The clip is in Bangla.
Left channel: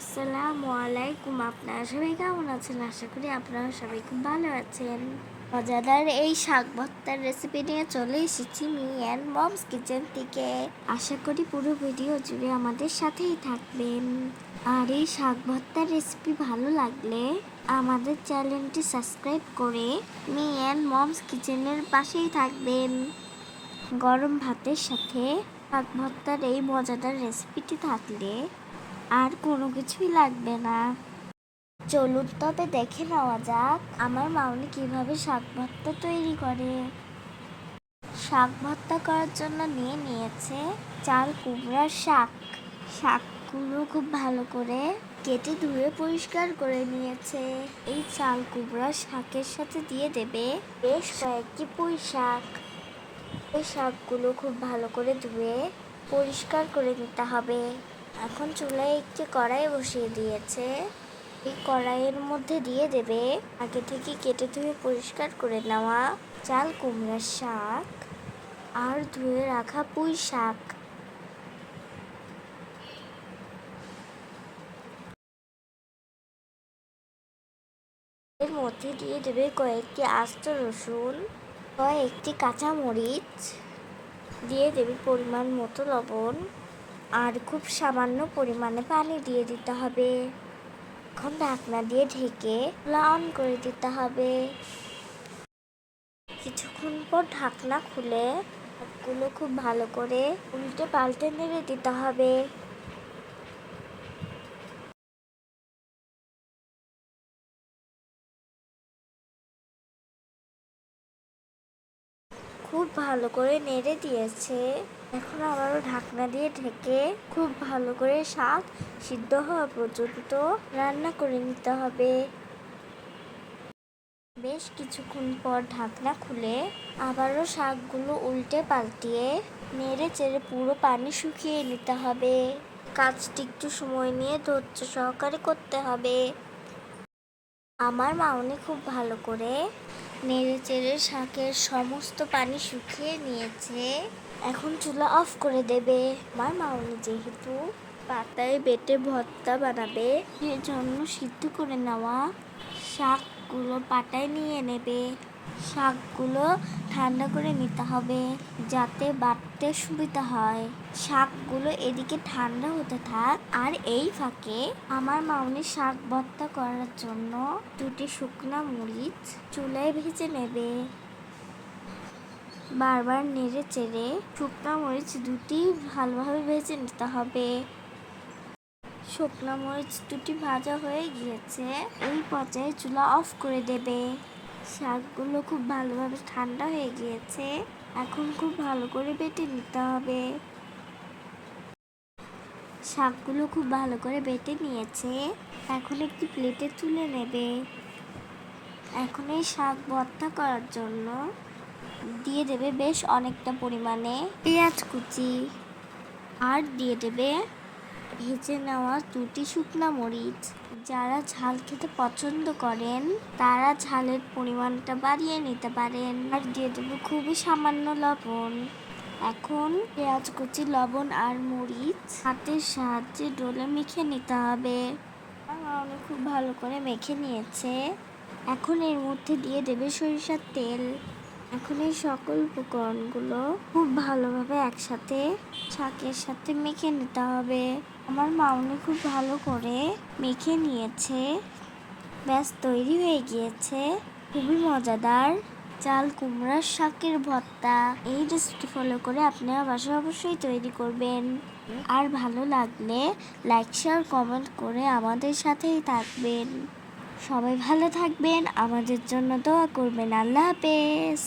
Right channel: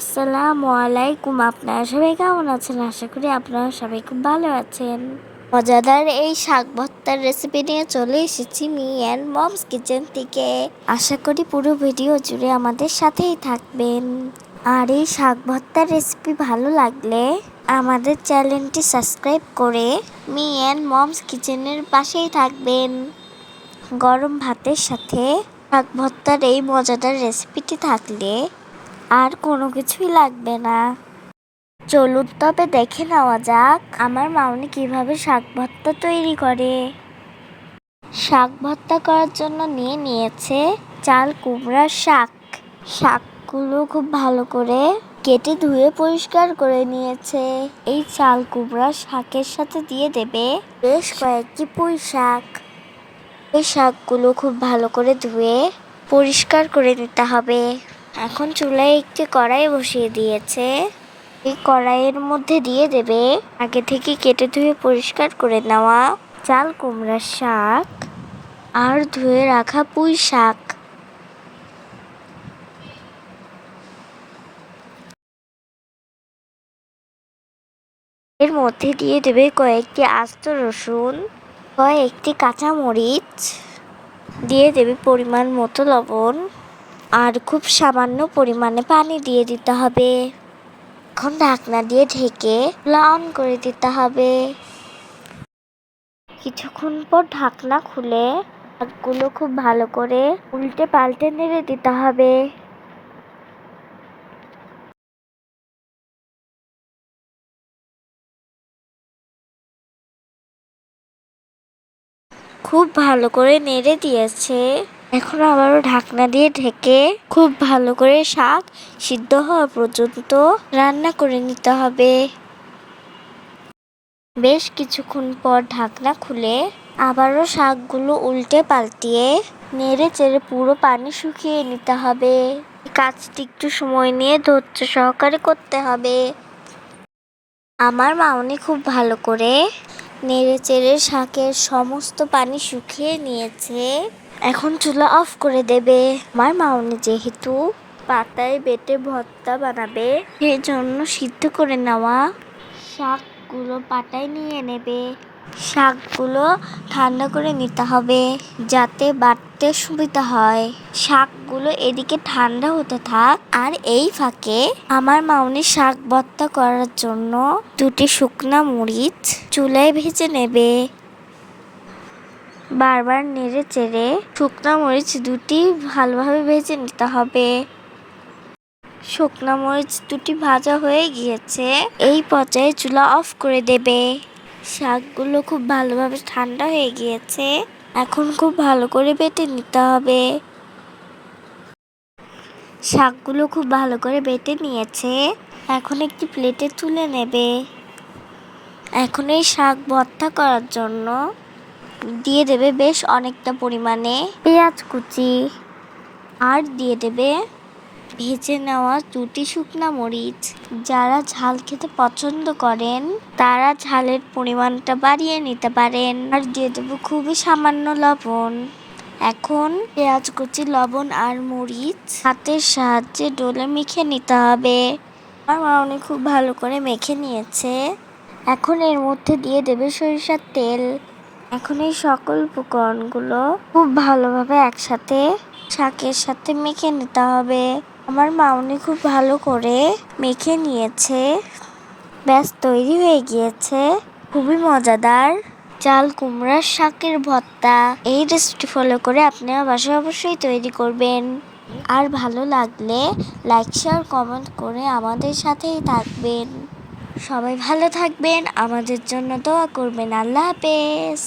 আসসালামু আলাইকুম। আপনারা সবাই কেমন আছেন? আশা করি আপনারা সবাই খুব ভালো আছেন। মজাদার এই শাক ভর্তার রেসিপি নিয়ে চলে এসেছি মি অ্যান্ড মমস কিচেন থেকে। আশা করি পুরো ভিডিও জুড়ে আমাদের সাথেই থাকবেন। আর এই শাক ভর্তার রেসিপি ভালো লাগলে আমাদের চ্যানেলটি সাবস্ক্রাইব করে মি অ্যান্ড মমস কিচেনের পাশেই থাকবেন। গরম ভাতের সাথে শাক ভর্তার এই মজাদার রেসিপিটি থাকলে আর কোনো কিছুই লাগবে না। চলুন তবে দেখে নেওয়া যাক আমার মামনি কিভাবে শাক ভর্তা তৈরি করে। শাক ভর্তা করার জন্য নিয়েছে চাল কুমড়ার শাক। শাকগুলো খুব ভালো করে কেটে ধুয়ে পরিষ্কার করে নিয়েছে। এই চাল কুমড়ার শাকের সাথে দিয়ে দেবে বেশ কয়েকটি পুঁই শাক। এই শাকগুলো খুব ভালো করে ধুয়ে পরিষ্কার করে নিতে হবে। এখন চুলায় একটি কড়াই বসিয়ে দিয়েছে। এই কড়াইয়ের মধ্যে দিয়ে দেবে আগে থেকে কেটে ধুয়ে পরিষ্কার করে নেওয়া চাল কুমড়ার শাক আর ধুয়ে রাখা পুঁই শাক। এর মধ্যে দিয়ে দেবে কয়েকটি আস্ত রসুন, কয়েকটি কাঁচামরিচ, দিয়ে দেবে পরিমাণ মতো লবণ আর খুব সামান্য পরিমাণে পানি দিয়ে দিতে হবে। এখন ঢাকনা দিয়ে ঢেকে অন করে দিতে হবে। কিছুক্ষণ পর ঢাকনা খুলে শাকগুলো খুব ভালো করে উল্টে পাল্টে নেড়ে দিতে হবে। খুব ভালো করে নেড়ে দিয়েছে। এখন আবারও ঢাকনা দিয়ে ঢেকে খুব ভালো করে শাক সিদ্ধ হওয়া পর্যন্ত রান্না করে নিতে হবে। বেশ কিছুক্ষণ পর ঢাকনা খুলে আবারও শাকগুলো উল্টে পাল্টিয়ে নেড়ে চেড়ে পুরো পানি শুকিয়ে নিতে হবে। কাজটি একটু সময় নিয়ে ধৈর্য সহকারে করতে হবে। আমার মামনি খুব ভালো করে নেড়ে চেড়ে শাকের সমস্ত পানি শুকিয়ে নিয়েছে। এখন চুলা অফ করে দেবে। আমার মামনি যেহেতু পাতায় বেটে ভর্তা বানাবে সেই জন্য সিদ্ধ করে নেওয়া শাকগুলো পাটায় নিয়ে নেবে। শাকগুলো ঠান্ডা করে নিতে হবে যাতে বাটতে সুবিধা হয়। শাকগুলো এদিকে ঠান্ডা হতে থাক আর এই ফাঁকে আমার মামনি শাক ভর্তা করার জন্য দুটি শুকনা মরিচ চুলায় ভেজে নেবে। বারবার নেড়ে চেড়ে শুকনা মরিচ দুটি ভালোভাবে ভেজে নিতে হবে। শুকনা মরিচ দুটি ভাজা হয়ে গিয়েছে। এই পর্যায়ে চুলা অফ করে দেবে। শাকগুলো খুব ভালোভাবে ঠান্ডা হয়ে গিয়েছে। এখন খুব ভালো করে বেটে নিতে হবে। শাকগুলো খুব ভালো করে বেটে নিয়েছে। এখন একটি প্লেটে তুলে নেবে। এখন এই শাক ভর্তা করার জন্য দিয়ে দেবে বেশ অনেকটা পরিমাণে পেঁয়াজ কুচি আর দিয়ে দেবে ভেজে নেওয়া দুটি শুকনা মরিচ। যারা ঝাল খেতে পছন্দ করেন তারা ঝালের পরিমাণটা বাড়িয়ে নিতে পারেন। আর দিয়ে দেবো খুবই সামান্য লবণ। এখন পেঁয়াজ কুচি, লবণ আর মরিচ হাতের সাহায্যে ডলে মেখে নিতে হবে। আমার মামনি খুব ভালো করে মেখে নিয়েছে। এখন এর মধ্যে দিয়ে দেবে সরিষার তেল। এখন এই সকল উপকরণগুলো খুব ভালোভাবে একসাথে শাকের সাথে মেখে নিতে হবে। আমার মামনি খুব ভালো করে মেখে নিয়েছে। ব্যাস তৈরি হয়ে গিয়েছে খুবই মজাদার চাল কুমড়ার শাকের ভর্তা। এই রেসিপি ফলো করে আপনারা বাসায় অবশ্যই তৈরি করবেন। আর ভালো লাগলে লাইক শেয়ার কমেন্ট করে আমাদের সাথেই থাকবেন। সবাই ভালো থাকবেন, আমাদের জন্য দোয়া করবেন। আল্লাহ হাফেজ।